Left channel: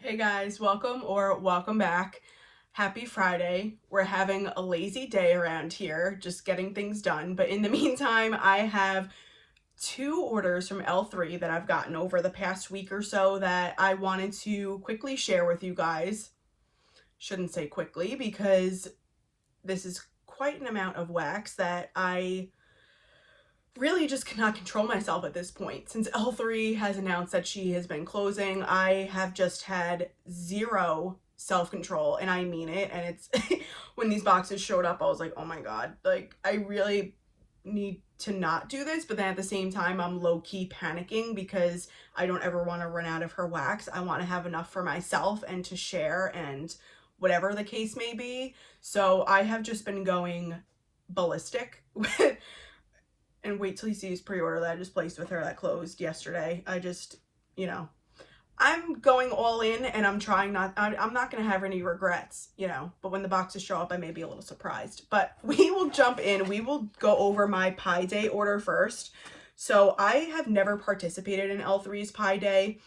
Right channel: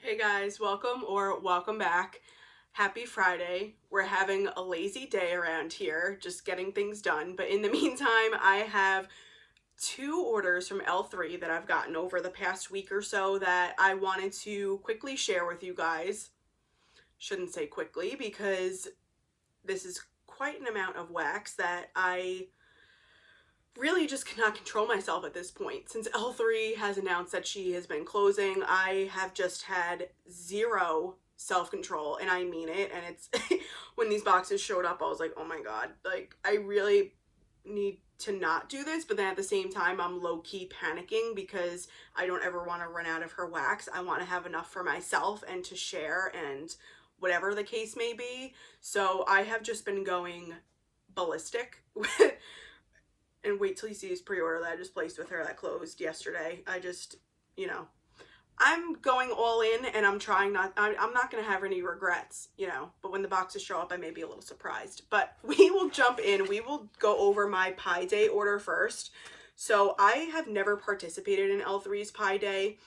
Hey guys, welcome back. Happy Friday. We're having a lazy day around here, just getting things done. But in the meantime, I have two orders from L3 that I've gotten over the past week or so that I wanted to quickly share with you guys. Shouldn't say quickly because this is quite an amount of wax that I really just cannot control myself at this point. Since L3 has announced that she has been closing, I have just had zero self-control, and I mean it. And it's when these boxes showed up, I was like, oh my god, like I really need to not do this. But then at the same time, I'm low-key panicking because I don't ever want to run out of her wax. I want to have enough for myself and to share, and whatever the case may be. So I have just been going ballistic with, and wait till you see his pre-order that I just placed with her that closed yesterday. I just, you know, I'm going all in, and I'm trying not, I'm not going to have any regrets, but when the boxes show up, I may be a little surprised. But we will jump in. We will go over my Pi Day order first. So I have never participated in L3's Pi Day.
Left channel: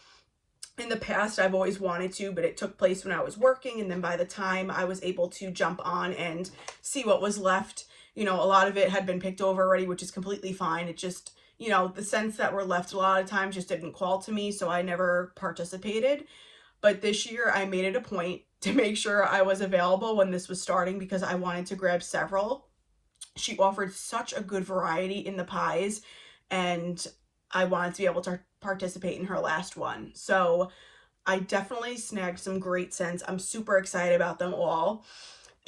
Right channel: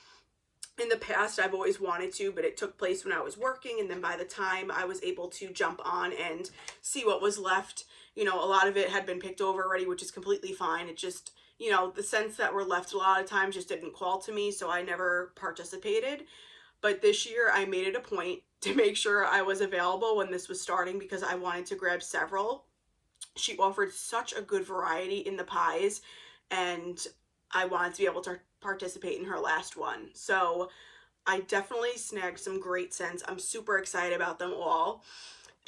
In the past, I've always wanted to, but it took place when I was working, and then by the time I was able to jump on and see what was left, a lot of it had been picked over already, which is completely fine. It just, the scents that were left a lot of times just didn't call to me, so I never participated. But this year, I made it a point to make sure I was available when this was starting because I wanted to grab several. She offered such a good variety in the pies, and I wanted to be able to participate in her last one. So I definitely snagged some great scents. I'm super excited about them all.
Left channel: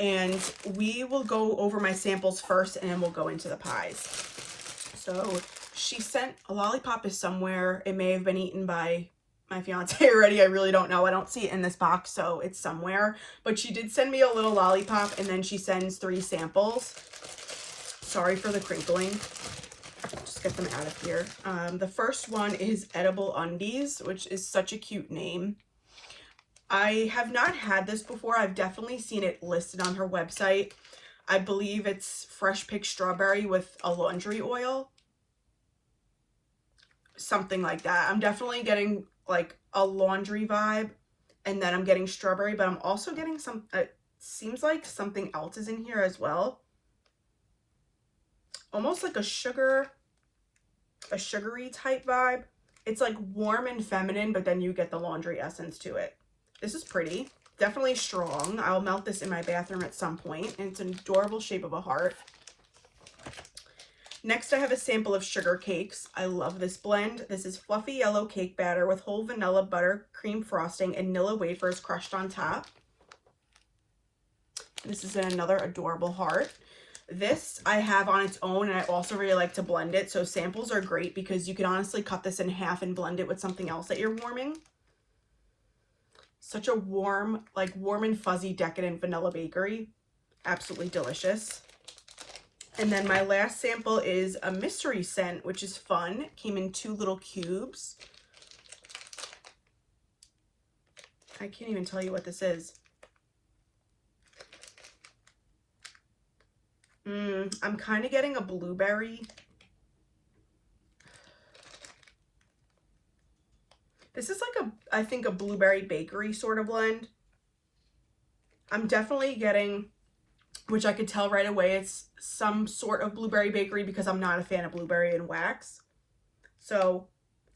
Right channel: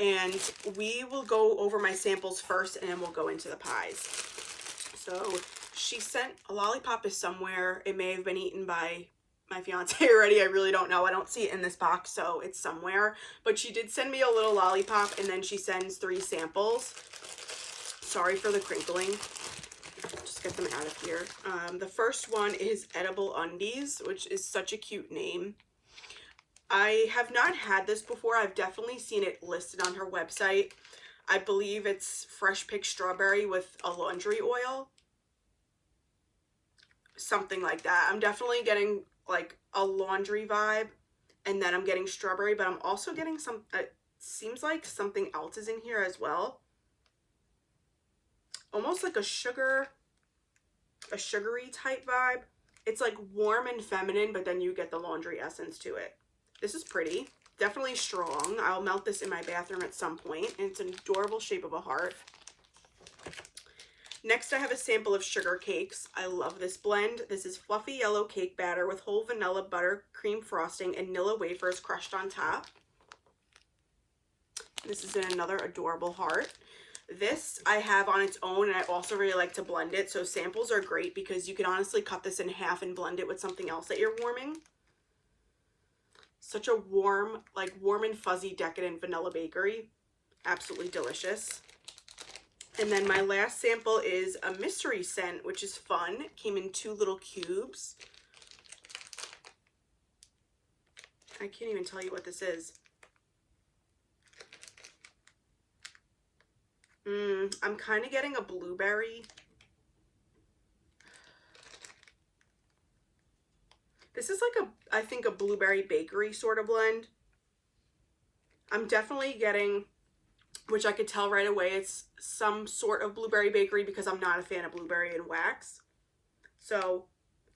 And we will go over my samples first, and then we'll go into the pies. So she sent a lollipop is somewhere. It may have been eaten by my fiance already. I really don't know. I don't see it in this box, so it's somewhere. But she did send me a little lollipop, and then she sends 3 samples. Sorry for the crinkling. Just get them out of here. The first one is Edible Undies, which is such a cute name. I have not had this before. I've definitely seen it listed on her website. I believe it's fresh picked strawberry with a laundry oil. Something like that. I'm definitely getting like a laundry vibe, and then I'm getting strawberry, but I'm also getting some, it seems like something else is in here as well. Almost like a sugary type vibe. It's like warm and feminine, but then you get the laundry essence to it. This is pretty. Definitely strong. I'll melt this in my bathroom at some point, and it's an adorable shape of a heart. Next, I have a sample of sugar cakes. I love this blend. This is fluffy yellow cake batter with whole vanilla butter, cream frosting, and Nilla wafers crushed on top. This is in another adorable heart. This I have on its own, and I also really like to blend it. So samples are great because you can honestly cut this in half and blend it with something else that you're warming. Such a warm and fuzzy decadent vanilla bakery. Absolutely delicious. And then my last sample is a mystery scent, which is fun. It came in 2 little cubes. I can't even tell you what this is. I'm kind of getting a blueberry. This is like I think a blueberry bakery sort of blend. I'm definitely getting, which I could tell right away, it's some sort of blueberry bakery because I'm not a fan of blueberry and wax. So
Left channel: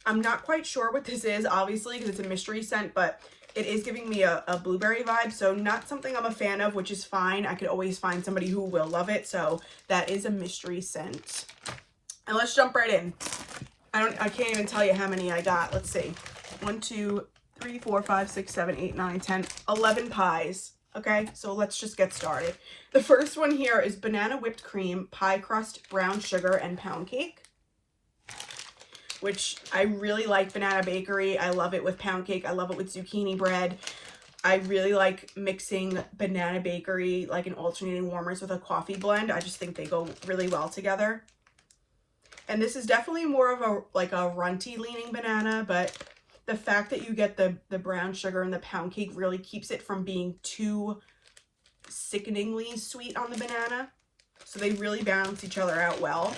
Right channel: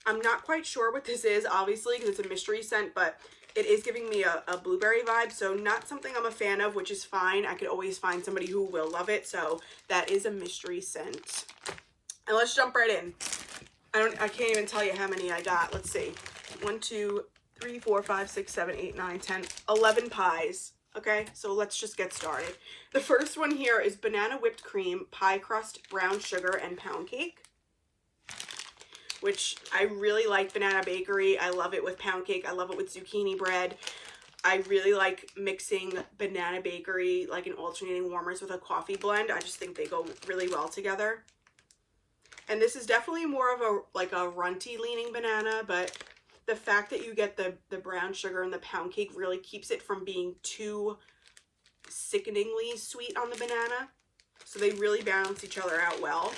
I'm not quite sure what this is, obviously, because it's a mystery scent, but it is giving me a blueberry vibe. So not something I'm a fan of, which is fine. I could always find somebody who will love it. So that is a mystery scent. And let's jump right in. I can't even tell you how many I got. Let's see. 1, 2, 3, 4, 5, 6, 7, 8, 9, 10, 11 pies. Okay, so let's just get started. The first one here is banana whipped cream, pie crust, brown sugar, and pound cake, which I really like. Banana bakery. I love it with pound cake. I love it with zucchini bread. I really like mixing banana bakery, like in alternating warmers, with a coffee blend. I just think they go really well together. And this is definitely more of a runty leaning banana, but the fact that you get the brown sugar and the pound cake really keeps it from being too sickeningly sweet on the banana. So they really balance each other out well.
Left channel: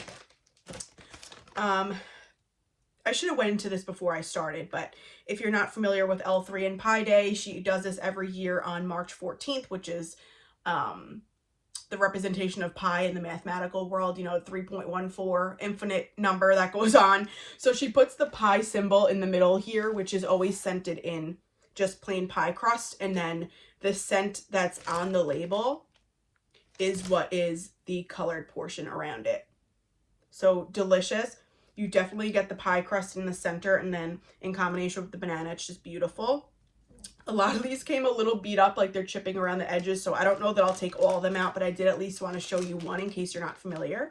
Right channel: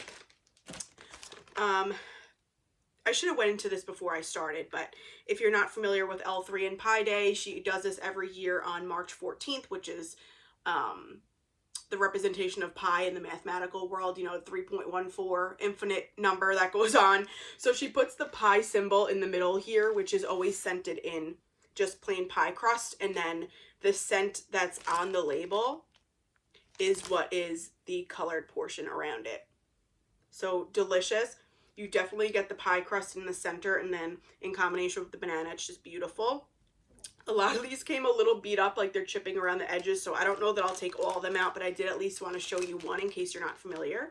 I should have went into this before I started, but if you're not familiar with L3 and Pi Day, she does this every year on March 14th, which is the representation of pi in the mathematical world, you know, 3.14 infinite number that goes on. So she puts the pi symbol in the middle here, which is always scented in just plain pie crust, and then the scent that's on the label is what is the colored portion around it. So delicious. You definitely get the pie crust in the center, and then in combination with the banana, it's just beautiful. A lot of these came a little beat up, like they're chipping around the edges, so I don't know that I'll take all of them out, but I did at least want to show you one in case you're not familiar.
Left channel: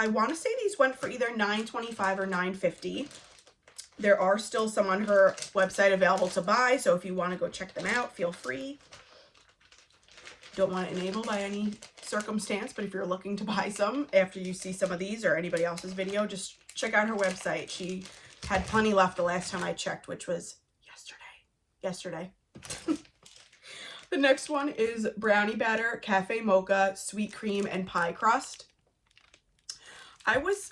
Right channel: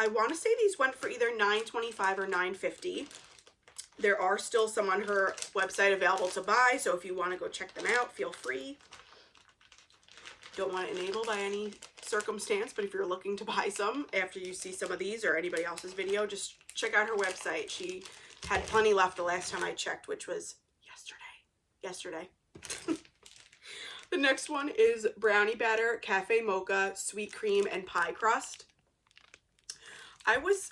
I want to say these went for either $9.25 or $9.50. There are still some on her website available to buy, so if you want to go check them out, feel free. Don't want to enable by any circumstance, but if you're looking to buy some after you see some of these or anybody else's video, just check out her website. She had plenty left the last time I checked, which was yesterday. The next one is brownie batter, cafe mocha, sweet cream, and pie crust. I was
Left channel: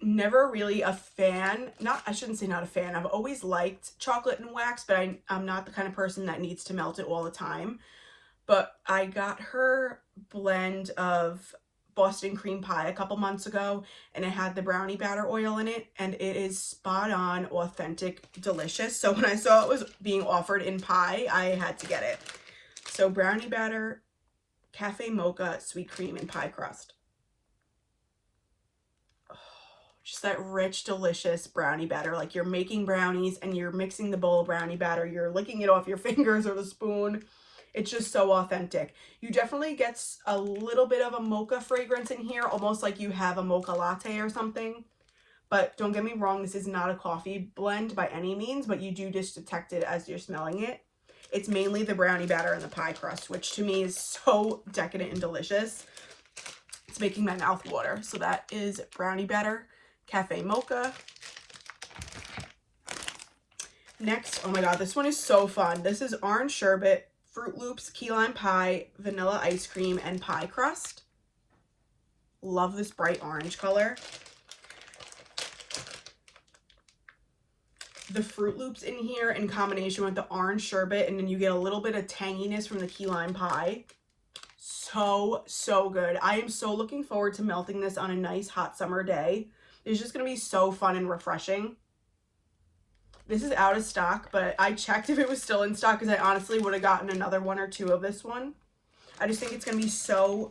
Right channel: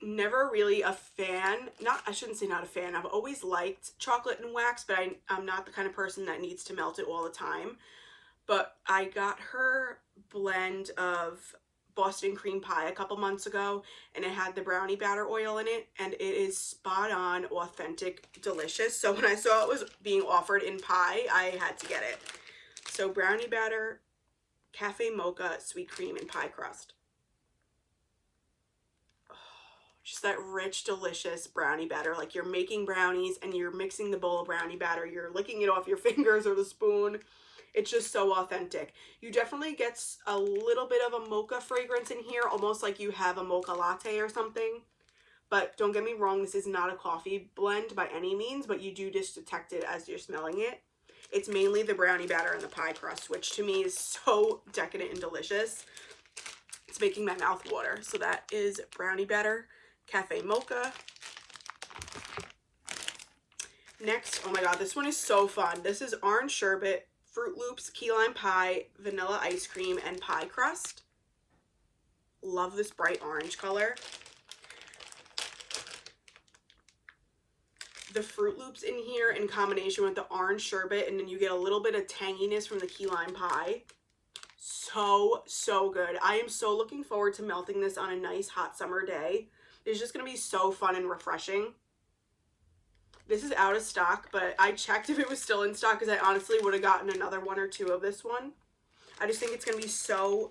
never really a fan, I shouldn't say not a fan, I've always liked chocolate and wax, but I'm not the kind of person that needs to melt it all the time. But I got her blend of Boston cream pie a couple months ago, and it had the brownie batter oil in it, and it is spot on, authentic, delicious. So when I saw it was being offered in pie, I had to get it. So brownie batter, cafe mocha, sweet cream, and pie crust. Oh, just that rich, delicious brownie batter. Like you're making brownies and you're mixing the bowl of brownie batter, you're licking it off your fingers or the spoon. It's just so authentic. You definitely get a little bit of a mocha fragrance in here, almost like you have a mocha latte or something. But don't get me wrong, this is not a coffee blend by any means, but you do just detect it as you're smelling it. It's mainly the brownie batter and the pie crust, which to me is so decadent and delicious. It's making my mouth water. So that is brownie batter, cafe mocha. Next, oh my god, this one is so fun. This is orange sherbet, Fruit Loops, key lime pie, vanilla ice cream, and pie crust. Love this bright orange color. The Fruit Loops in here in combination with the orange sherbet, and then you get a little bit of tanginess from the key lime pie. So, so good. I am so looking forward to melting this on a nice hot summer day. It's just going to be so fun and refreshing. This is out of stock, but I checked if it was still in stock because I honestly would have gotten another one or two of this one. I just think it's going to be so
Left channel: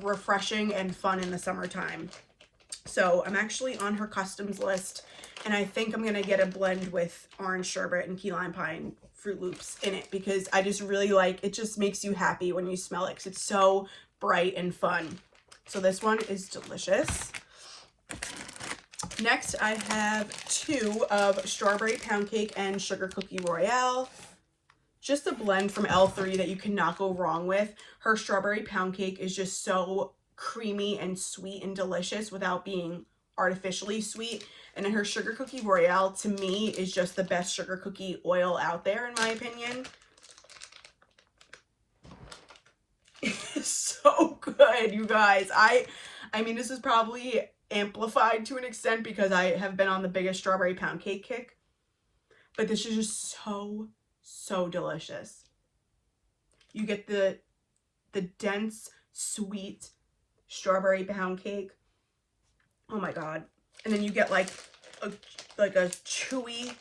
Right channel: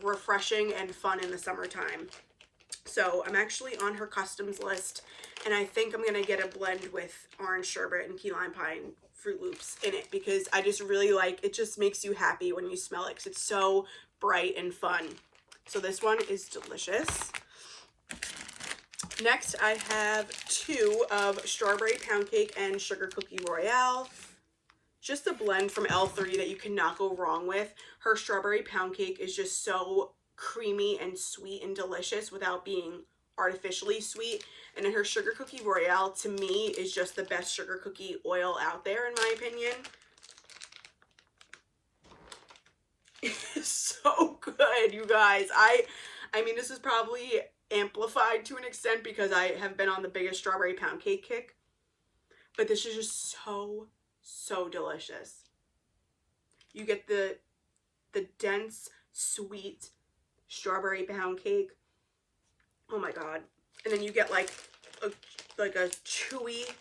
refreshing and fun in the summertime. So I'm actually on her customs list, and I think I'm going to get a blend with orange sherbet and key lime pie and Fruit Loops in it because I just really like, it just makes you happy when you smell it because it's so bright and fun. So this one is delicious. Next, I have two of strawberry pound cake and sugar cookie royale. Just a blend from L3 that you cannot go wrong with. Her strawberry pound cake is just so creamy and sweet and delicious without being artificially sweet. And then her sugar cookie royale, to me, is just the best sugar cookie oil out there, in my opinion. It's so good, you guys. I mean, this is probably amplified to an extent because I have been on the biggest strawberry pound cake kick, but this is just so delicious. You get the dense sweet strawberry pound cake, oh my god, and then you get like a chewy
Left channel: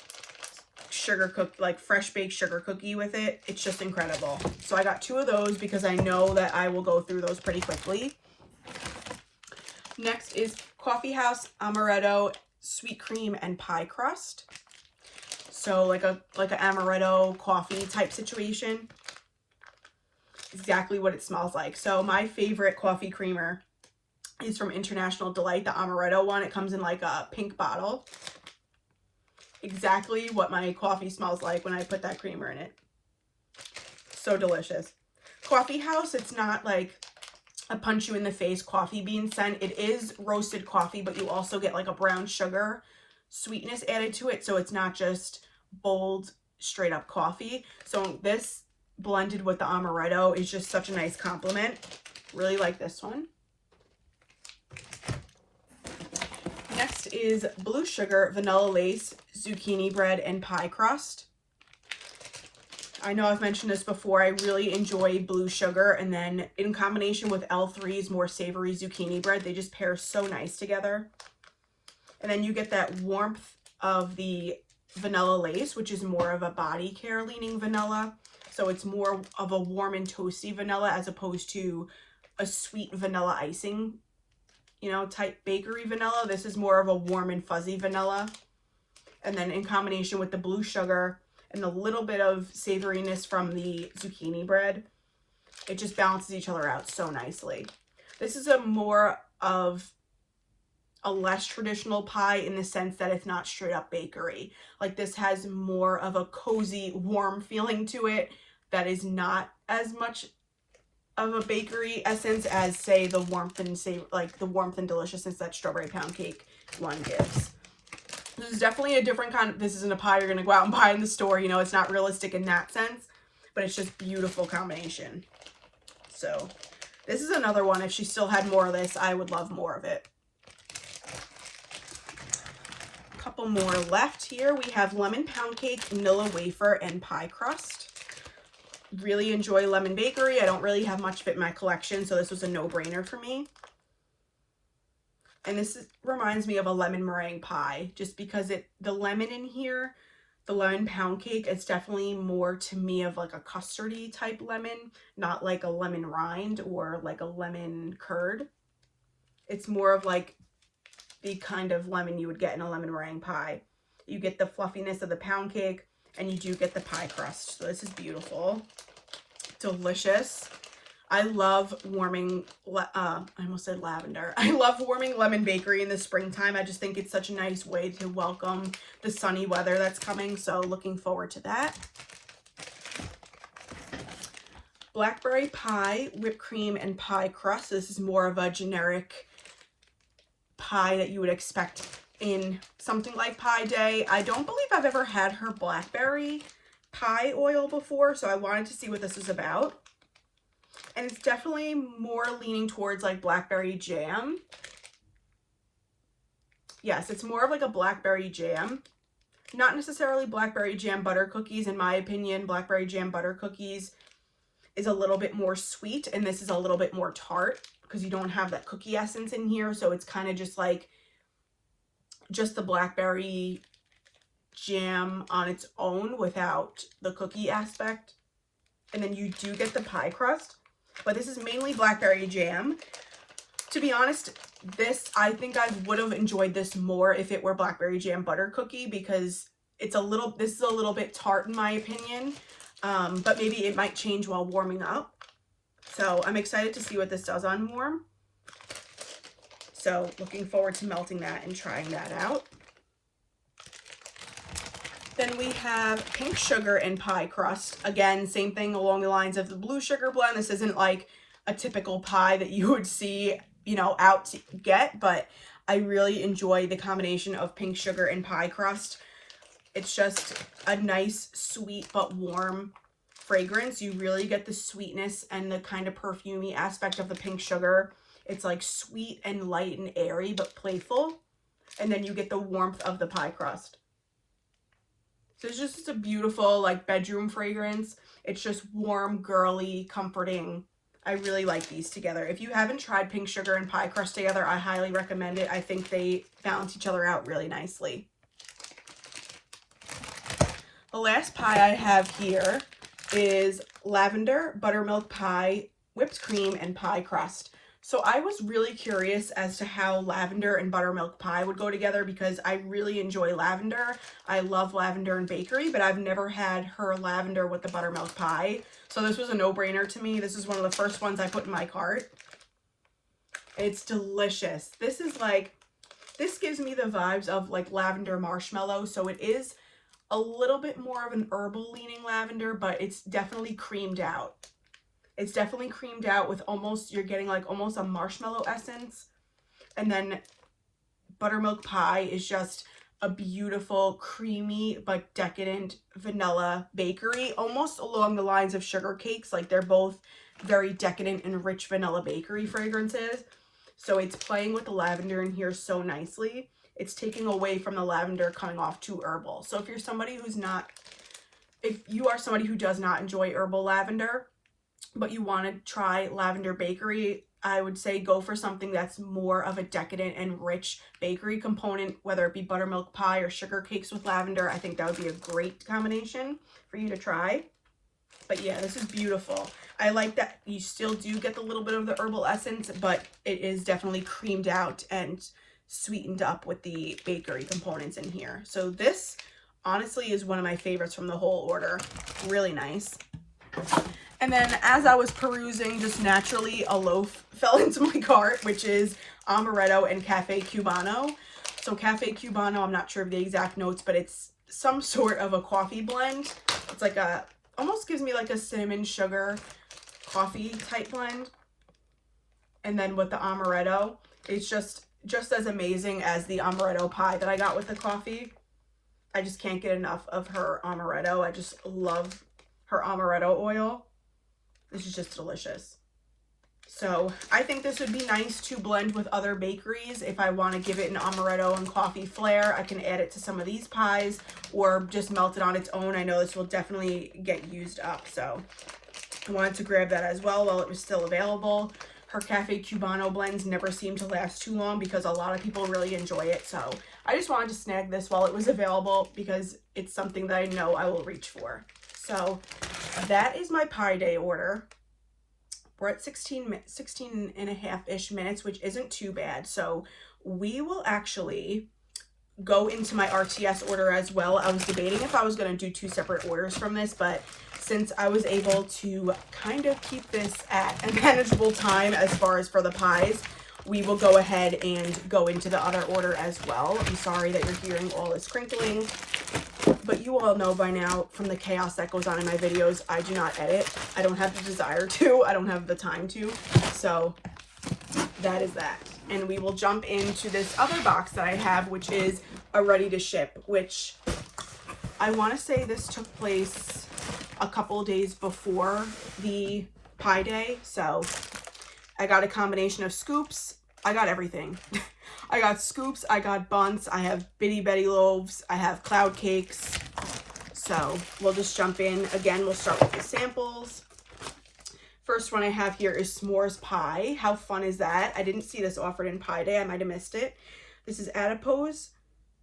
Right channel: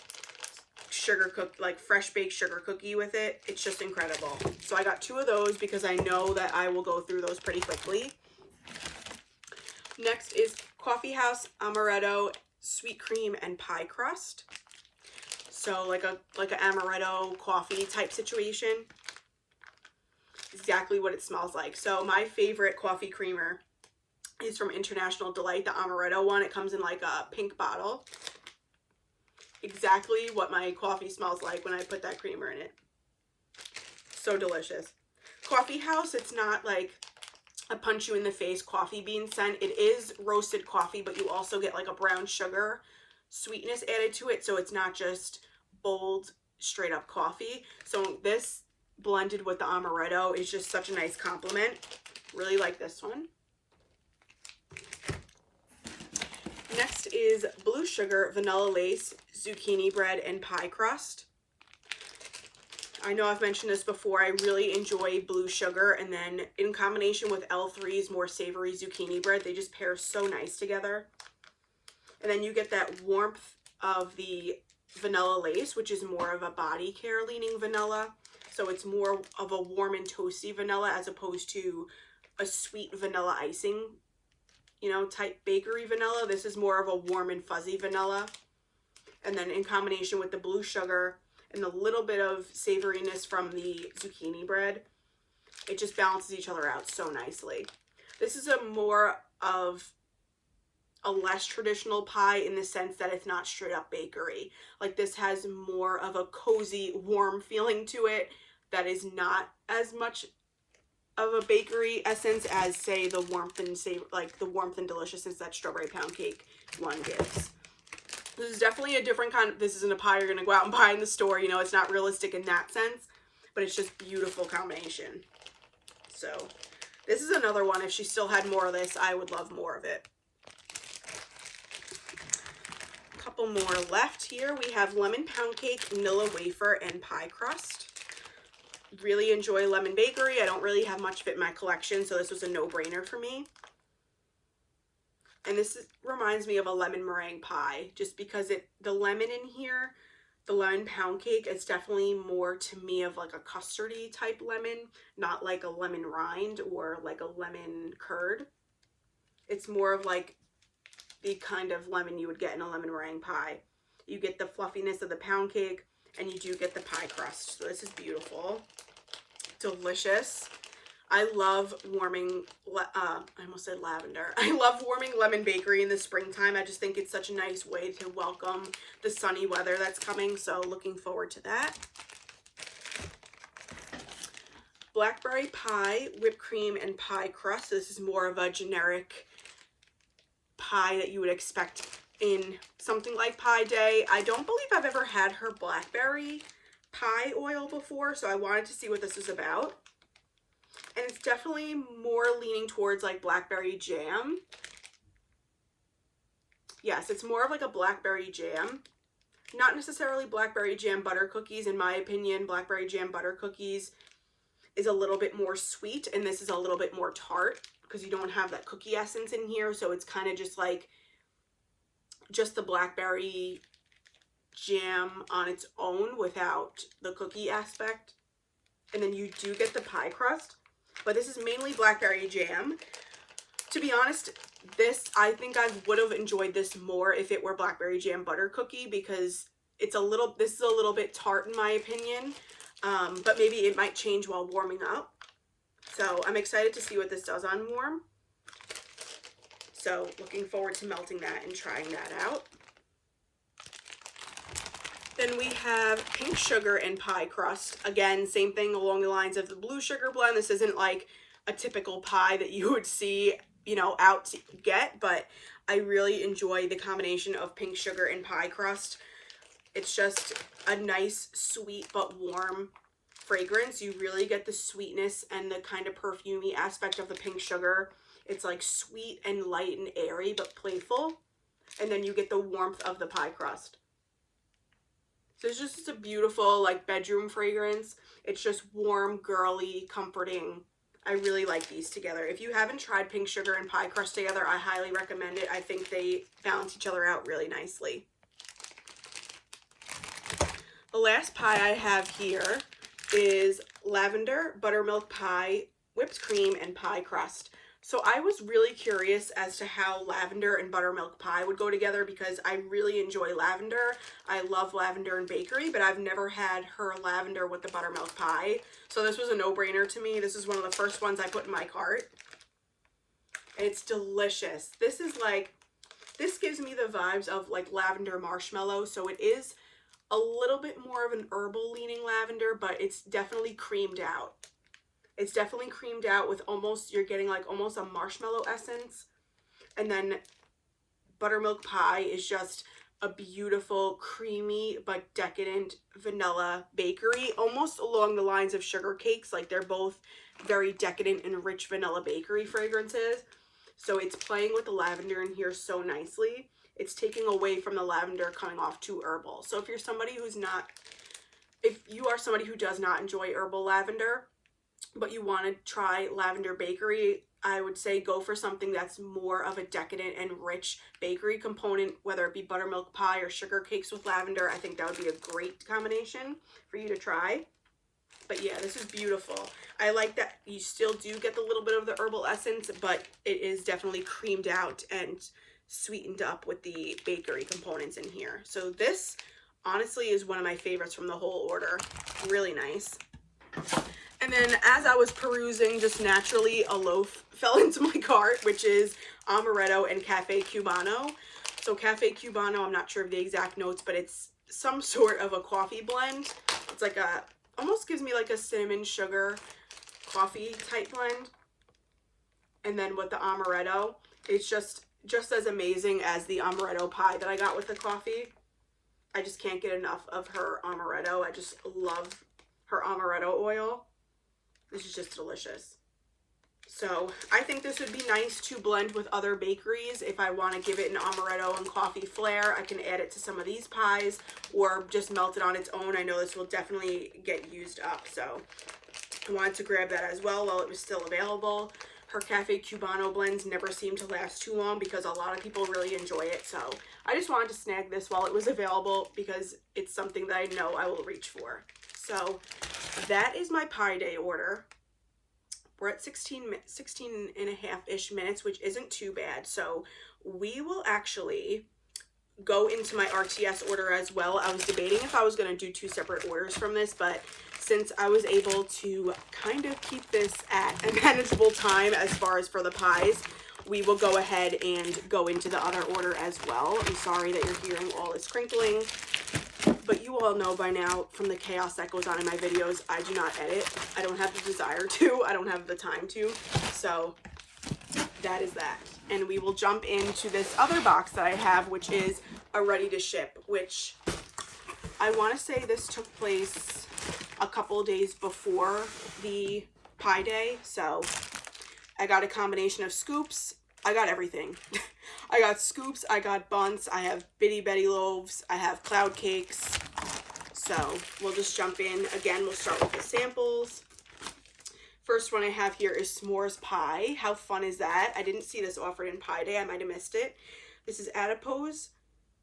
sugar like fresh baked sugar cookie with it. It's just incredible. So I got two of those because I know that I will go through those pretty quickly. Next is Coffee House Amaretto sweet cream and pie crust. So like a amaretto coffee type situation. Exactly what it smells like. So my favorite coffee creamer is from International Delight, the amaretto one. It comes in like a pink bottle. Exactly what my coffee smells like when I put that creamer in it. So delicious. Coffee House, it's not like a punch you in the face coffee bean scent. It is roasted coffee, but you also get like a brown sugar sweetness added to it. So it's not just bold straight up coffee. So this blended with the amaretto is just such a nice compliment. Really like this one. Next is Blue Sugar Vanilla Lace Zucchini Bread and Pie Crust. I know I've mentioned this before. I really enjoy Blue Sugar, and then in combination with L3's more savory zucchini bread, they just pair so nice together. And then you get that warmth of the vanilla lace, which is more of a body care leaning vanilla. So it's more of a warm and toasty vanilla as opposed to a sweet vanilla icing, you know, type bakery vanilla. This is more of a warm and fuzzy vanilla. And then in combination with the Blue Sugar and a little bit of savoriness from the zucchini bread, it just balances each other out so nicely. This is a more of a less traditional pie in the sense that it's not straight up bakery. Like, this has more of a cozy, warm feeling to it that is not as much of a bakery essence as, say, the warmth and the warmth and deliciousness that strawberry pound cake one gives. This is definitely a different kind of, this isn't a pie you're going to go out and buy in the store. You know, it's not realistic in that sense, but it's just beautiful combination. So this is another one. If she still had more of this, I would love more of it. A couple more left here. We have lemon pound cake, vanilla wafer, and pie crust. Really enjoy lemon bakery. I don't really have much of it in my collection, so this was a no-brainer for me. And this reminds me of a lemon meringue pie, just because the lemon in here, the lemon pound cake, it's definitely more to me of like a custardy type lemon, not like a lemon rind or like a lemon curd. It's more of like the kind of lemon you would get in a lemon meringue pie. You get the fluffiness of the pound cake, and you do get the pie crust. So this is beautiful, delicious. I love warming, I almost said lavender. I love warming lemon bakery in the springtime. I just think it's such a nice way to welcome the sunny weather that's coming. So looking forward to that. Blackberry pie, whipped cream, and pie crust. This is more of a generic pie that you would expect in something like Pie Day. I don't believe I've ever had her blackberry pie oil before, so I wanted to see what this is about. And it's definitely more leaning towards like blackberry jam. Yes, it's more of like a blackberry jam. Not necessarily blackberry jam butter cookies. In my opinion, blackberry jam butter cookies is a little bit more sweet, and this is a little bit more tart because you don't have that cookie essence in here. So it's kind of just like just the blackberry jam on its own without the cookie aspect. And then you do get the pie crust, but this is mainly blackberry jam. To be honest, I think I would have enjoyed this more if it were blackberry jam butter cookie, because this is a little bit tart in my opinion, but maybe it might change while warming up. So I'm excited to see what this does on warm. So looking forward to melting that and trying that out. Then we have pink sugar and pie crust. Again, same thing along the lines of the Blue Sugar blend. This isn't like a typical pie that you would see, you know, out to get, but I really enjoy the combination of pink sugar and pie crust. It's just a nice, sweet, but warm fragrance. You really get the sweetness and the kind of perfumey aspect of the pink sugar. It's like sweet and light and airy, but playful. And then you get the warmth of the pie crust. So it's just a beautiful like bedroom fragrance. It's just warm, girly, comforting. I really like these together. If you haven't tried pink sugar and pie crust together, I highly recommend it. I think they balance each other out really nicely. The last pie I have here is lavender buttermilk pie, whipped cream, and pie crust. So I was really curious as to how lavender and buttermilk pie would go together, because I really enjoy lavender. I love lavender in bakery, but I've never had her lavender with the buttermilk pie. So this was a no-brainer to me. This is one of the first ones I put in my cart. And it's delicious. This gives me the vibes of like lavender marshmallow. So it is a little bit more of an herbal leaning lavender, but it's definitely creamed out. It's definitely creamed out with you're getting like almost a marshmallow essence. And then buttermilk pie is just a beautiful, creamy, but decadent vanilla bakery, almost along the lines of sugar cakes. Like, they're both very decadent and rich vanilla bakery fragrances. So it's playing with the lavender in here so nicely. it's taking away from the lavender coming off too herbal. So if you're somebody if you are somebody who does not enjoy herbal lavender, but you want to try lavender bakery, I would say go for something that's more of a decadent and rich bakery component, whether it be buttermilk pie or sugar cakes with lavender. I think that would be a great combination for you to try. But yeah, this is beautiful. I like that you still do get the little bit of the herbal essence, but it is definitely creamed out and sweetened up with the bakery components in here. So this honestly is one of my favorites from the whole order. Really nice. And then as I was perusing, just naturally a loaf fell into my cart, which is Amaretto and Cafe Cubano. So Cafe Cubano, I'm not sure of the exact notes, but it's some sort of a coffee blend. It's like almost gives me like a cinnamon sugar coffee type blend. And then with the Amaretto, it's just as amazing as the Amaretto pie that I got with the coffee. I just can't get enough of her Amaretto. I just love her Amaretto oil. This is just delicious. So I think this would be nice to blend with other bakeries. If I want to give it an Amaretto and coffee flair, I can add it to some of these pies or just melt it on its own. I know this will definitely get used up. So I wanted to grab that as well while it was still available. Her Cafe Cubano blends never seem to last too long because a lot of people really enjoy it. So I just wanted to snag this while it was available because it's something that I know I will reach for. So that is my pie day order. We're at 16 and a half-ish minutes, which isn't too bad. So we will actually go into my RTS order as well. I was debating if I was going to do 2 separate orders from this, but since I was able to kind of keep this at a manageable time as far as for the pies, we will go ahead and go into the other order as well. I'm sorry that you're hearing all this crinkling, but you all know by now from the chaos that goes on in my videos, I do not edit. I don't have the desire to. I don't have the time to. So that is that. And we will jump into this other box that I have, which is a ready to ship, which I want to say this took place a couple days before the pie day. So I got a combination of scoops. I got everything. I got scoops, I got buns, I have bitty betty loaves, I have cloud cakes. So we'll just jump in. Again, we'll start with the samples. First one I have here is s'mores pie. How fun is that? I didn't see this offered in Pie Day. I might have missed it. This is adipose,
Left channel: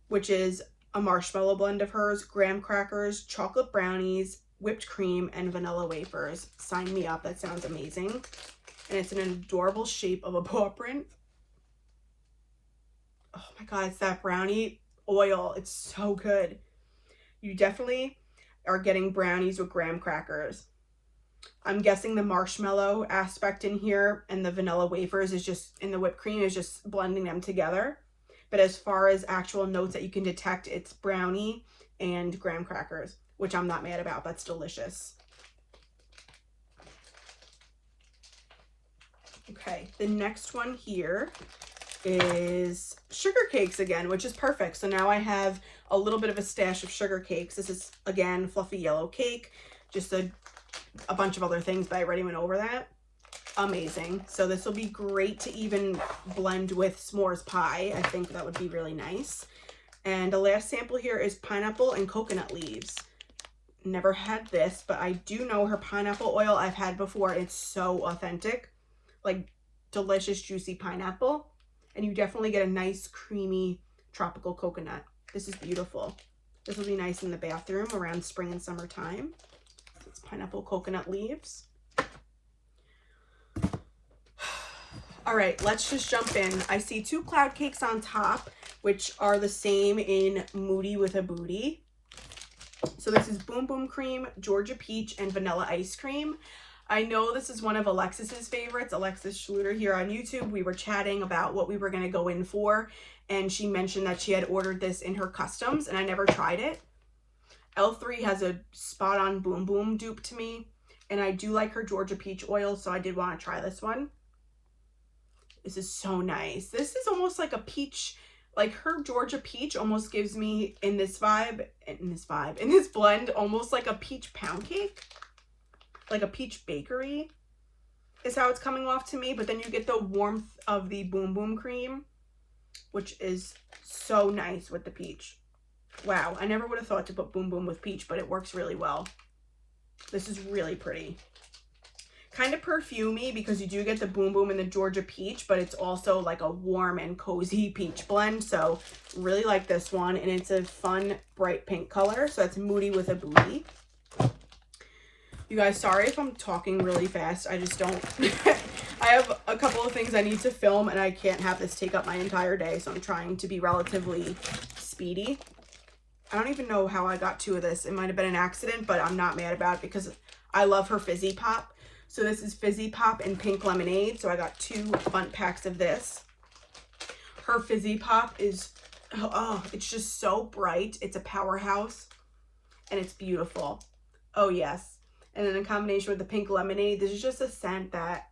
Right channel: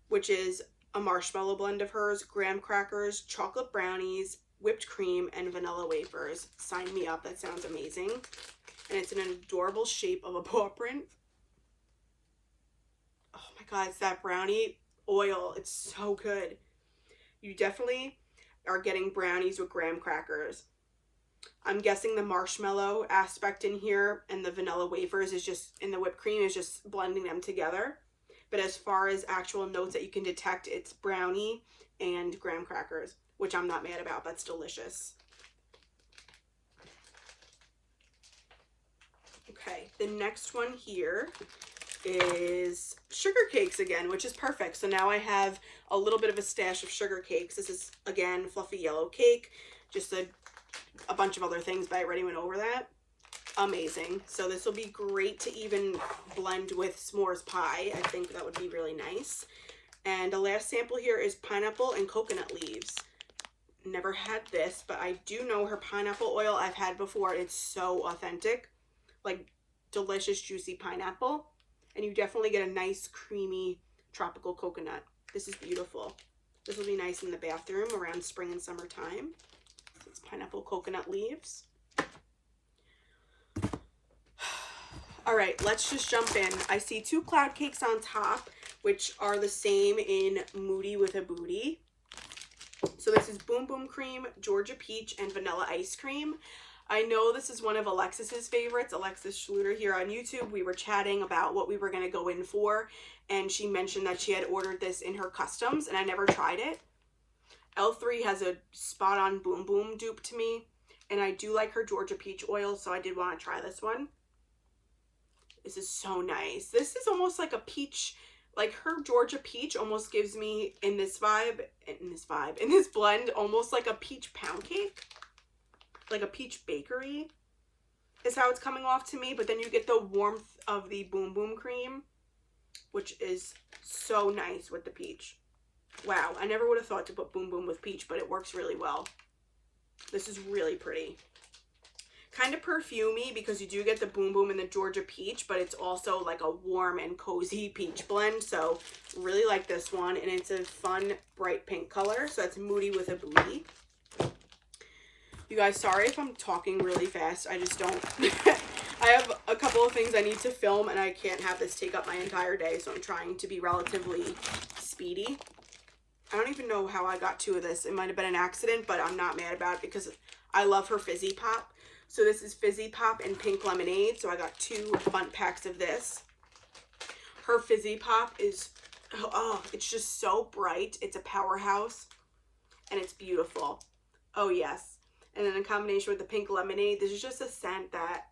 which is a marshmallow blend of hers, graham crackers, chocolate brownies, whipped cream, and vanilla wafers. Sign me up. That sounds amazing. And it's in an adorable shape of a paw print. Oh my God, it's that brownie oil. It's so good. You definitely are getting brownies with graham crackers. I'm guessing the marshmallow aspect in here and the vanilla wafers is just, and the whipped cream is just blending them together. But as far as actual notes that you can detect, it's brownie and graham crackers, which I'm not mad about. That's delicious. Okay, the next one here is sugar cakes again, which is perfect. So now I have a little bit of a stash of sugar cakes. This is, again, fluffy yellow cake, just a bunch of other things, but I already went over that. Amazing. So this will be great to even blend with s'mores pie. I think that would be really nice. And the last sample here is pineapple and coconut leaves. Never had this, but I do know her pineapple oil I've had before. It's so authentic, like delicious, juicy pineapple. And you definitely get a nice, creamy, tropical coconut. This is beautiful. This will be nice in the bathroom around spring and summertime. It's pineapple coconut leaves. All right, let's just jump in. I see 2 cloud cakes on top, which are the same in Moody with a Booty. So this is Boom Boom Cream, Georgia Peach, and Vanilla Ice Cream. I know this is one of Alexis's favorites, Alexis Schluter here on YouTube. We were chatting about what we were going to go in for, and she mentioned that she had ordered this in her customs, and I never tried it. L3 has a spot-on Boom Boom dupe to me, and I do like her Georgia Peach oil, so I did want to try this one. This is so nice. This is almost like a peach, like her Georgia Peach almost gives me, in this blend, almost like a peach pound cake. Like a peach bakery is how it's coming off to me, but then you get the warmth of the Boom Boom cream. which is so nice with the peach. Wow, I never would have thought to put Boom Boom with peach, but it works really well. This is really pretty. Kind of perfumey because you do get the Boom Boom and the Georgia peach, but it's also like a warm and cozy peach blend. So really like this one, and it's a fun bright pink color. So that's Moody with a Booty. You guys, sorry if I'm talking really fast. I just don't. I have a couple of things I need to film, and I can't have this take up my entire day. So I'm trying to be relatively speedy. I don't even know how I got 2 of this. It might have been an accident, but I'm not mad about it because I love her Fizzy Pop. So this is Fizzy Pop and Pink Lemonade. So I got 2 bundt packs of this. Her Fizzy Pop is, oh, it's just so bright. It's a powerhouse and it's beautiful. Oh yes. And then in combination with the Pink Lemonade, this is just a scent that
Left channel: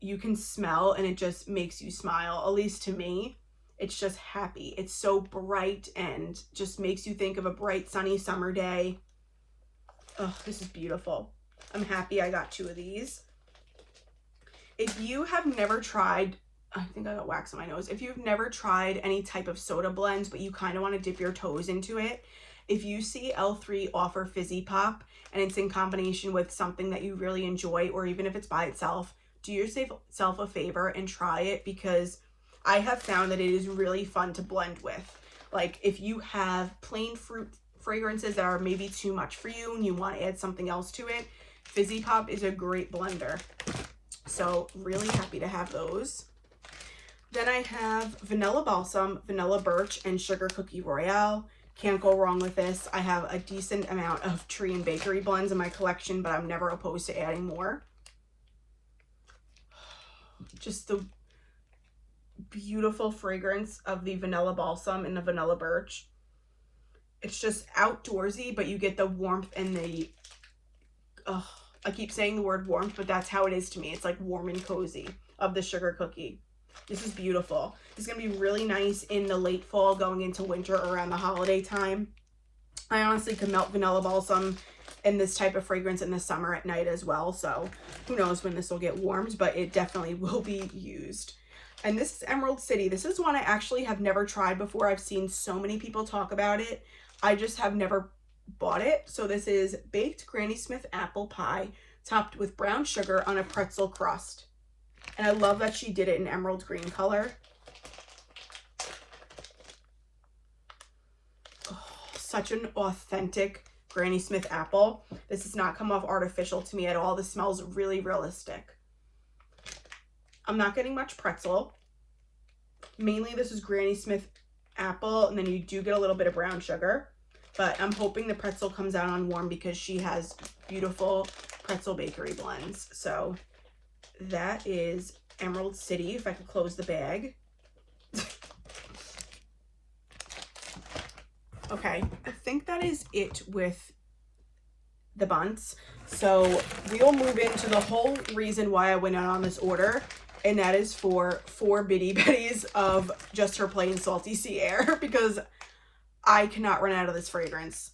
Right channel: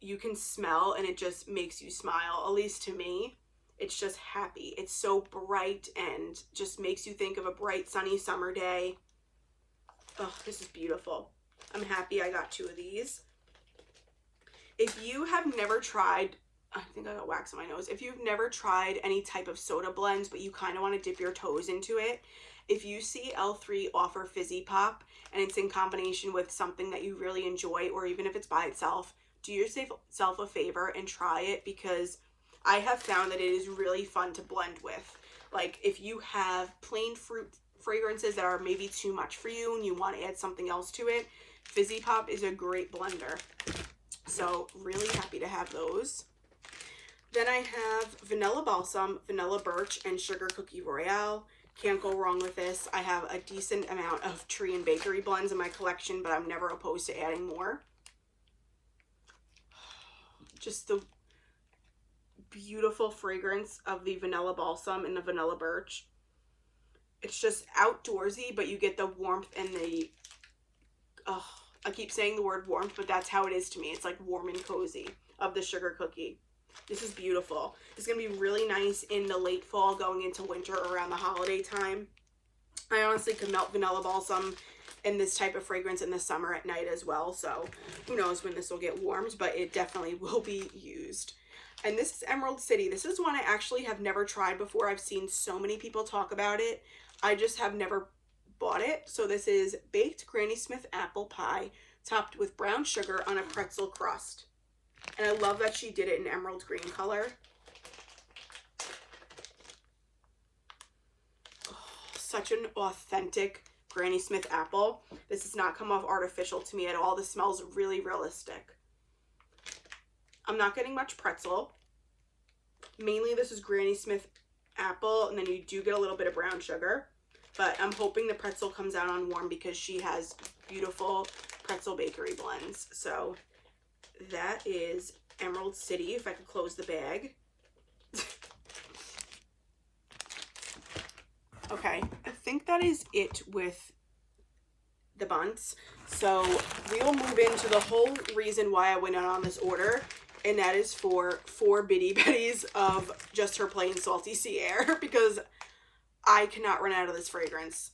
you can smell and it just makes you smile. At least to me, it's just happy. It's so bright and just makes you think of a bright sunny summer day. Oh, this is beautiful. I'm happy I got 2 of these. If you have never tried, I think I got wax on my nose. If you've never tried any type of soda blends, but you kind of want to dip your toes into it, if you see L3 offer Fizzy Pop and it's in combination with something that you really enjoy, or even if it's by itself, do yourself a favor and try it, because I have found that it is really fun to blend with. Like if you have plain fruit fragrances that are maybe too much for you and you want to add something else to it, Fizzy Pop is a great blender. So really happy to have those. Then I have Vanilla Balsam, Vanilla Birch, and Sugar Cookie Royale. Can't go wrong with this. I have a decent amount of tree and bakery blends in my collection, but I'm never opposed to adding more. Just the beautiful fragrance of the Vanilla Balsam and the Vanilla Birch. It's just outdoorsy, but you get the warmth and the, I keep saying the word warmth, but that's how it is to me. It's like warm and cozy of the Sugar Cookie. This is beautiful. It's going to be really nice in the late fall going into winter around the holiday time. I honestly could melt Vanilla Balsam and this type of fragrance in the summer at night as well. So who knows when this will get warmed, but it definitely will be used. And this is Emerald City. This is one I actually have never tried before. I've seen so many people talk about it. I just have never bought it. So this is baked Granny Smith apple pie topped with brown sugar on a pretzel crust. And I love that she did it in emerald green color. Oh, such an authentic Granny Smith apple. This does not come off artificial to me at all. This smells really realistic. I'm not getting much pretzel. Mainly this is Granny Smith apple, and then you do get a little bit of brown sugar. But I'm hoping the pretzel comes out on warm because she has beautiful pretzel bakery blends. So that is Emerald City, if I could close the bag. Okay, I think that is it with the bunts. So we'll move into the whole reason why I went out on this order, and that is for 4 bitty betties of Just Her Plain Salty Sea Air, because I cannot run out of this fragrance.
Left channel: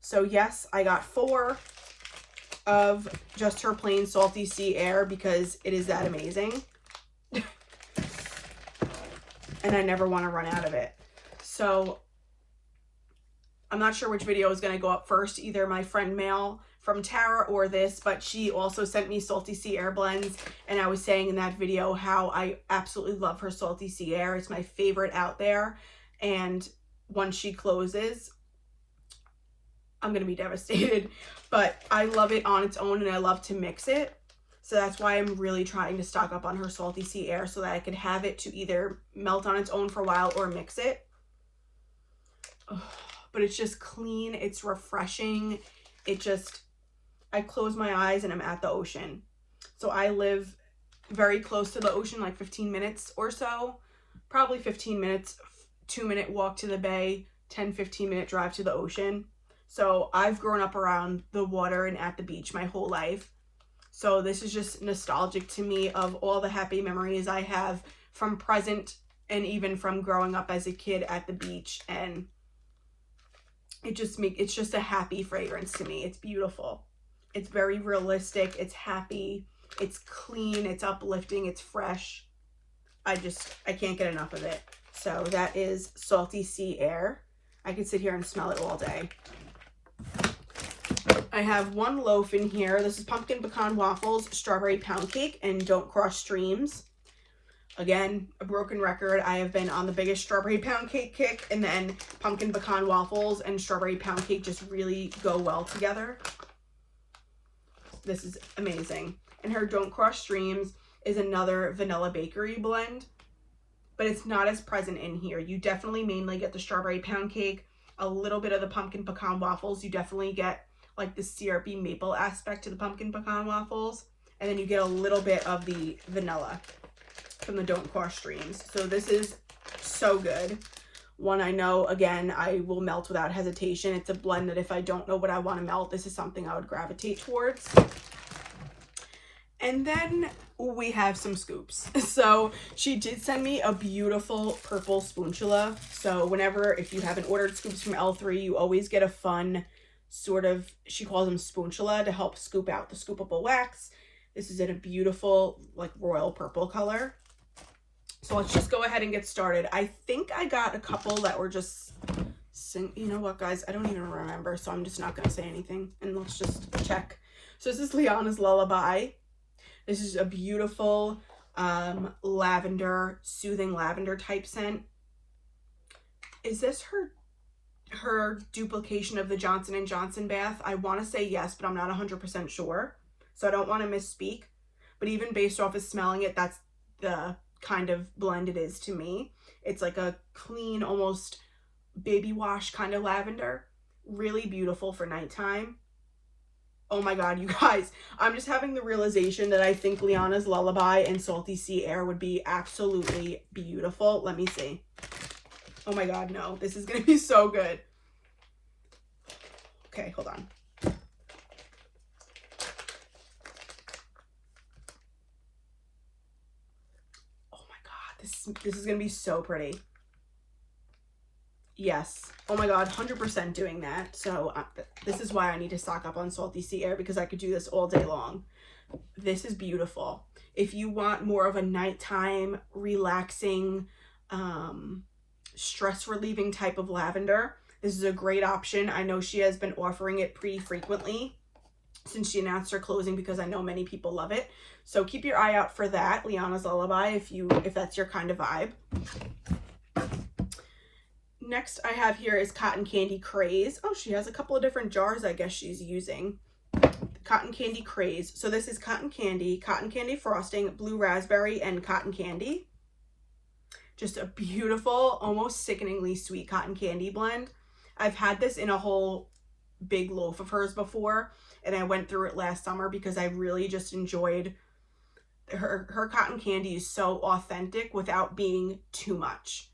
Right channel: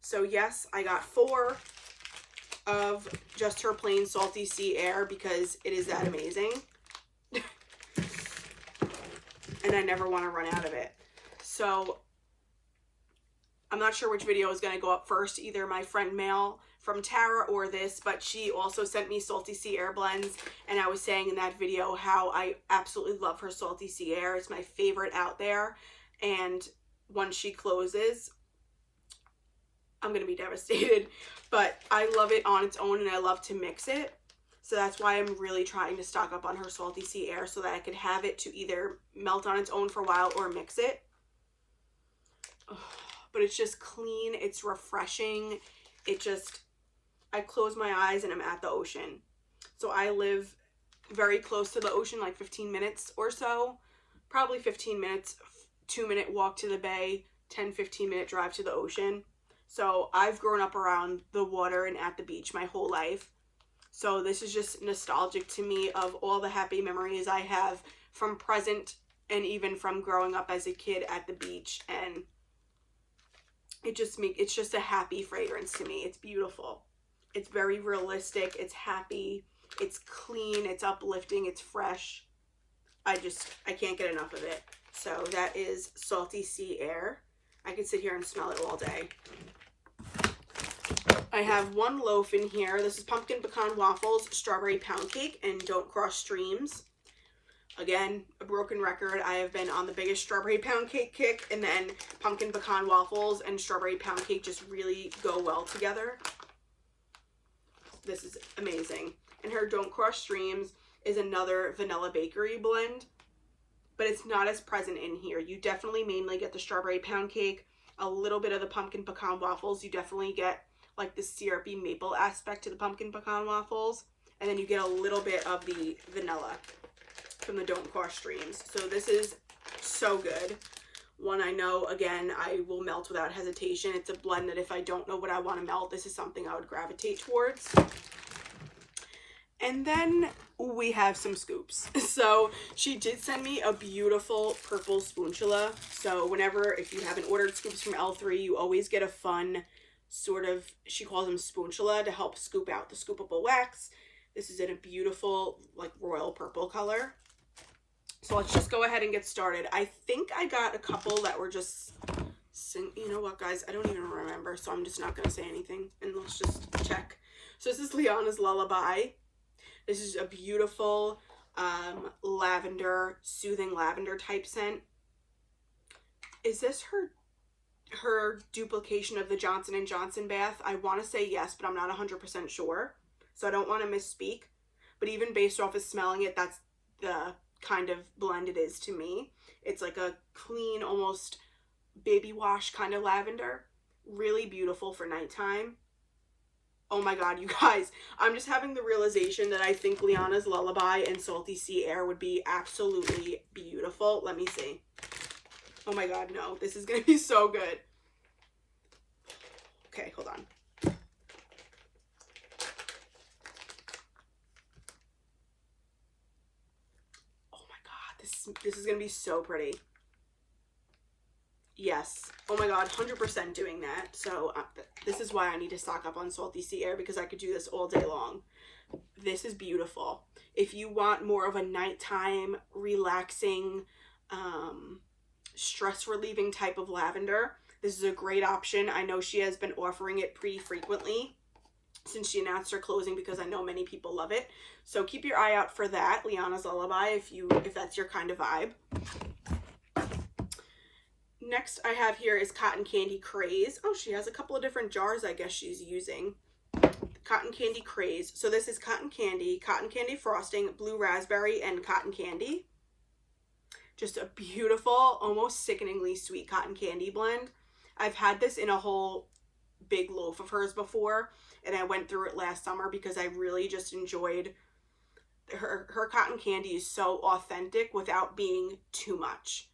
So yes, I got 4 of Just Her Plain Salty Sea Air because it is that amazing. And I never want to run out of it. So I'm not sure which video is going to go up first, either my friend Mail from Tara or this, but she also sent me Salty Sea Air blends, and I was saying in that video how I absolutely love her Salty Sea Air. It's my favorite out there, and once she closes, I'm going to be devastated, but I love it on its own and I love to mix it. So that's why I'm really trying to stock up on her Salty Sea Air so that I could have it to either melt on its own for a while or mix it. Oh, but it's just clean. It's refreshing. It just, I close my eyes and I'm at the ocean. So I live very close to the ocean, like 15 minutes or so, probably 15 minutes, 2-minute walk to the bay, 10-15 minute drive to the ocean. So I've grown up around the water and at the beach my whole life. So this is just nostalgic to me of all the happy memories I have from present and even from growing up as a kid at the beach. And it's just a happy fragrance to me. It's beautiful. It's very realistic. It's happy. It's clean. It's uplifting. It's fresh. I can't get enough of it. So that is Salty Sea Air. I could sit here and smell it all day. I have one loaf in here. This is pumpkin pecan waffles, strawberry pound cake, and don't cross streams. Again, a broken record. I have been on the biggest strawberry pound cake kick, and then pumpkin pecan waffles and strawberry pound cake just really go well together. This is amazing. And her Don't Cross Streams is another vanilla bakery blend, but it's not as present in here. You definitely mainly get the strawberry pound cake, a little bit of the pumpkin pecan waffles. You definitely get like the syrupy maple aspect to the pumpkin pecan waffles, and then you get a little bit of the vanilla from the Don't Cross Streams. So this is so good. One I know, again, I will melt without hesitation. It's a blend that if I don't know what I want to melt, this is something I would gravitate towards. And then we have some scoops. So she did send me a beautiful purple spoonchula. So whenever, if you haven't ordered scoops from L3, you always get a fun sort of, she calls them spoonchula, to help scoop out the scoopable wax. This is in a beautiful, like, royal purple color. So let's just go ahead and get started. I think I got a couple that were just, you know what, guys? I don't even remember, so I'm just not going to say anything. And let's just check. So this is Liana's Lullaby. This is a beautiful lavender, soothing lavender type scent. Is this her duplication of the Johnson & Johnson bath? I want to say yes, but I'm not 100% sure. So I don't want to misspeak. But even based off of smelling it, that's the kind of blend it is to me. It's like a clean, almost baby wash kind of lavender. Really beautiful for nighttime. Oh my god, you guys, I'm just having the realization that I think Liana's Lullaby and Salty Sea Air would be absolutely beautiful. Let me see. Oh my god, no, this is gonna be so good. Okay, hold on. Oh my god, this is gonna be so pretty. Yes. Oh my god, 100% doing that. So this is why I need to stock up on Salty Sea Air, because I could do this all day long. This is beautiful. If you want more of a nighttime, relaxing, stress relieving type of lavender, this is a great option. I know she has been offering it pretty frequently since she announced her closing, because I know many people love it. So keep your eye out for that, Liana's Lullaby, if that's your kind of vibe. Next I have here is Cotton Candy Craze. Oh, she has a couple of different jars I guess she's using. Cotton Candy Craze. So this is cotton candy frosting, blue raspberry, and cotton candy. Just a beautiful, almost sickeningly sweet cotton candy blend. I've had this in a whole big loaf of hers before, and I went through it last summer because I really just enjoyed her cotton candy. Is so authentic without being too much.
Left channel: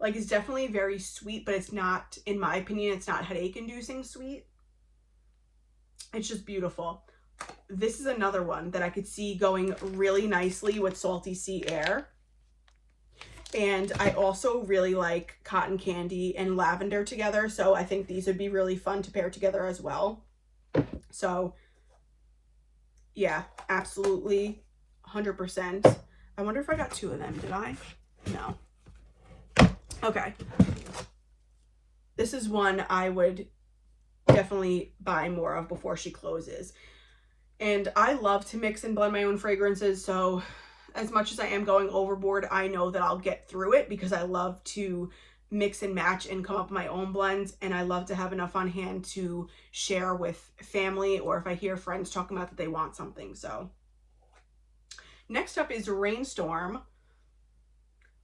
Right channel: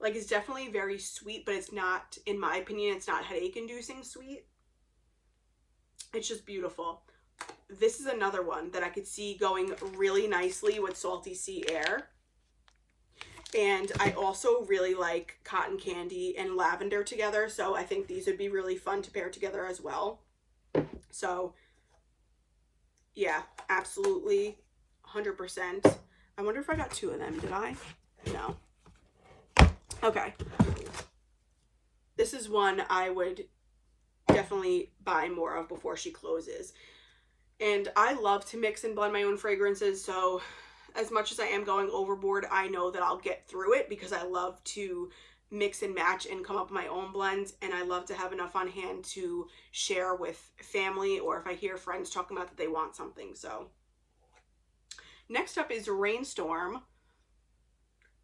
Like, it's definitely very sweet, but it's not, in my opinion, it's not headache-inducing sweet. It's just beautiful. This is another one that I could see going really nicely with Salty Sea Air. And I also really like cotton candy and lavender together, so I think these would be really fun to pair together as well. So, yeah, absolutely, 100%. I wonder if I got two of them, did I? No. Okay, this is one I would definitely buy more of before she closes. And I love to mix and blend my own fragrances, so as much as I am going overboard, I know that I'll get through it, because I love to mix and match and come up with my own blends, and I love to have enough on hand to share with family, or if I hear friends talking about that they want something. So next up is Rainstorm.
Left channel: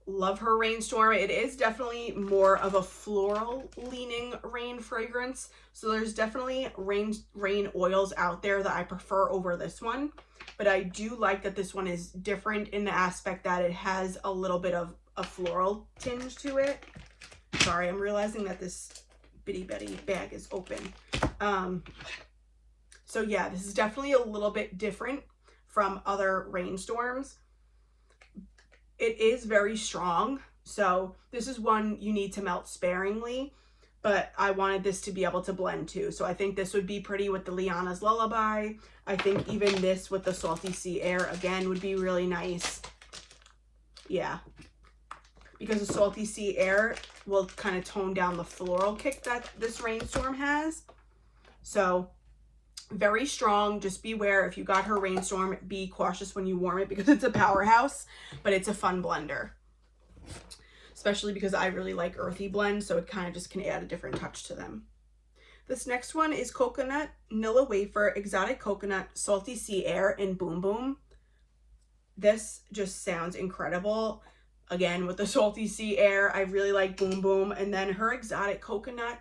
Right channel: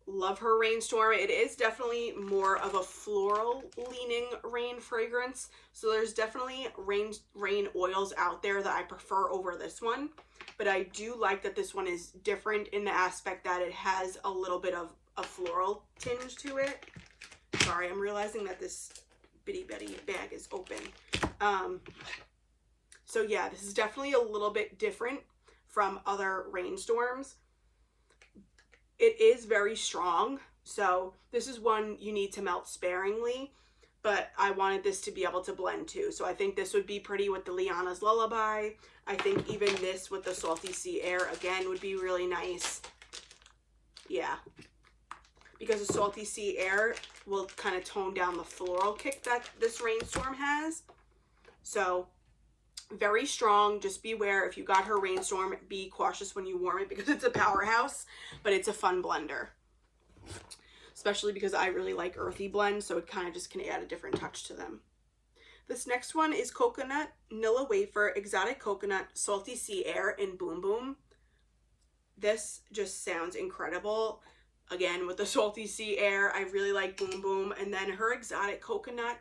Love her Rainstorm. It is definitely more of a floral leaning rain fragrance. So there's definitely rain oils out there that I prefer over this one. But I do like that this one is different in the aspect that it has a little bit of a floral tinge to it. Sorry, I'm realizing that this bitty betty bag is open. So yeah, this is definitely a little bit different from other Rainstorms. It is very strong, so this is one you need to melt sparingly, but I wanted this to be able to blend too. So I think this would be pretty with the Liana's Lullaby. I think even this with the Salty Sea Air, again, would be really nice. Yeah. Because the Salty Sea Air will kind of tone down the floral kick that this Rainstorm has. So very strong. Just beware if you got her Rainstorm, be cautious when you warm it because it's a powerhouse, but it's a fun blender. Especially because I really like earthy blends, so it kind of just can add a different touch to them. This next one is Coconut Nilla Wafer Exotic Coconut Salty Sea Air in Boom Boom. This just sounds incredible. Again, with the Salty Sea Air, I really like Boom Boom. And then her Exotic Coconut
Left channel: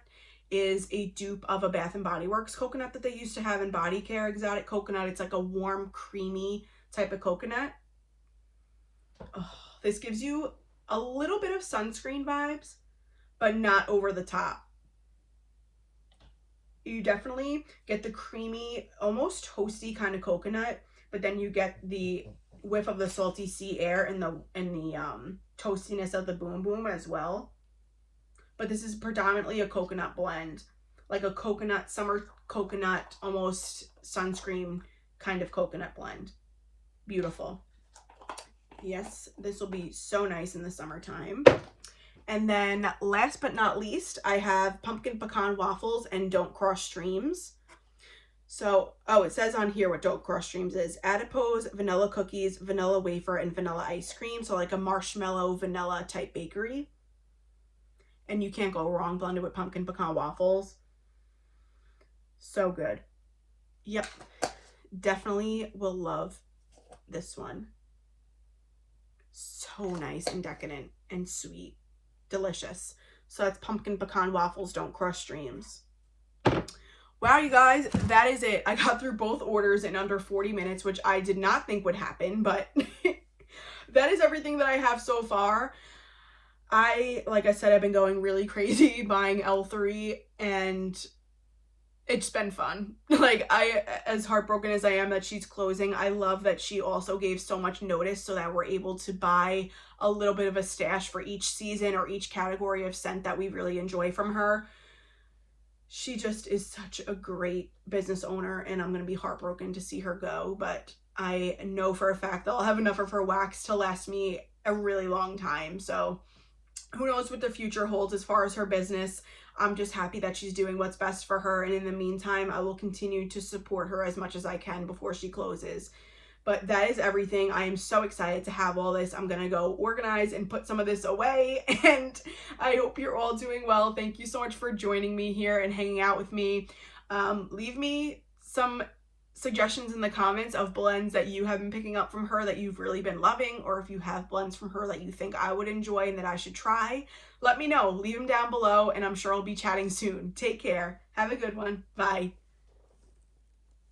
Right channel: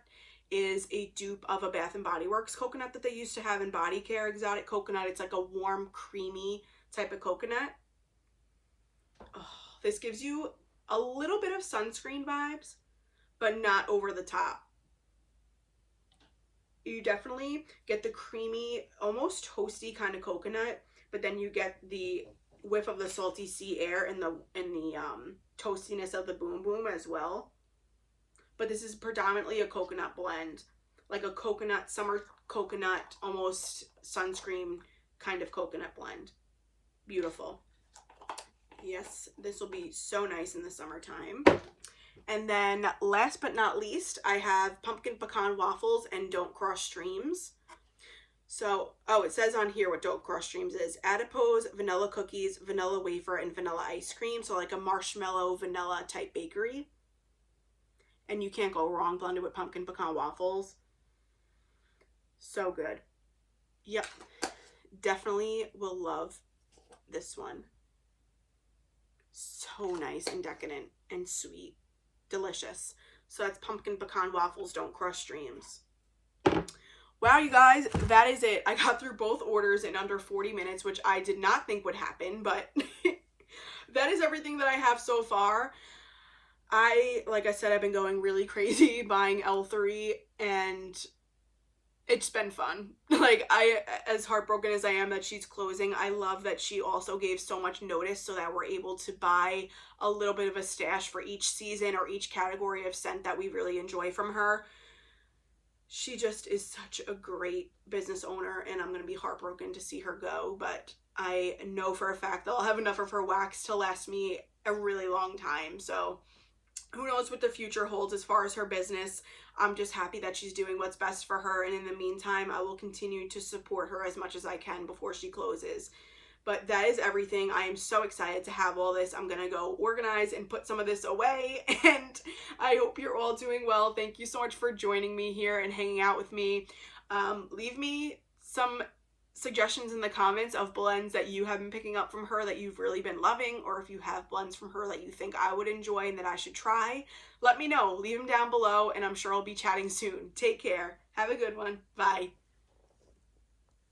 is a dupe of a Bath & Body Works coconut that they used to have in body care. Exotic Coconut, it's like a warm, creamy type of coconut. Oh, this gives you a little bit of sunscreen vibes, but not over the top. You definitely get the creamy, almost toasty kind of coconut, but then you get the whiff of the Salty Sea Air and the toastiness of the Boom Boom as well. But this is predominantly a coconut blend, like a coconut, summer coconut, almost sunscreen kind of coconut blend. Beautiful. Yes, this will be so nice in the summertime. And then last but not least, I have Pumpkin Pecan Waffles and Don't Cross Streams. So, oh, it says on here what Don't Cross Streams is. Adipose, vanilla cookies, vanilla wafer, and vanilla ice cream. So like a marshmallow vanilla type bakery. And you can't go wrong blended with pumpkin pecan waffles. So good. Yep. Definitely will love this one. So nice and decadent and sweet. Delicious. So that's Pumpkin Pecan Waffles Don't Cross Streams. Wow, you guys, that is it. I got through both orders in under 40 minutes, which I did not think would happen, but that is everything that I have so far. Like I said, I've been going really crazy buying L3, and it's been fun. Like, as heartbroken as I am that she's closing, I love that she also gave so much notice so that we're able to buy a little bit of a stash for each season or each category of scent that we really enjoy from her. She just is such a great business owner, and I'm going to be heartbroken to see her go, but I know for a fact that I'll have enough of her wax to last me a really long time. So who knows what the future holds as far as her business. I'm just happy that she's doing what's best for her, and in the meantime, I will continue to support her as much as I can before she closes. But that is everything. I am so excited to have all this. I'm going to go organize and put some of this away, and I hope you're all doing well. Thank you so much for joining me here and hanging out with me. Leave me some suggestions in the comments of blends that you have been picking up from her that you've really been loving, or if you have blends from her that you think I would enjoy and that I should try. Let me know. Leave them down below, and I'm sure I'll be chatting soon. Take care. Have a good one. Bye.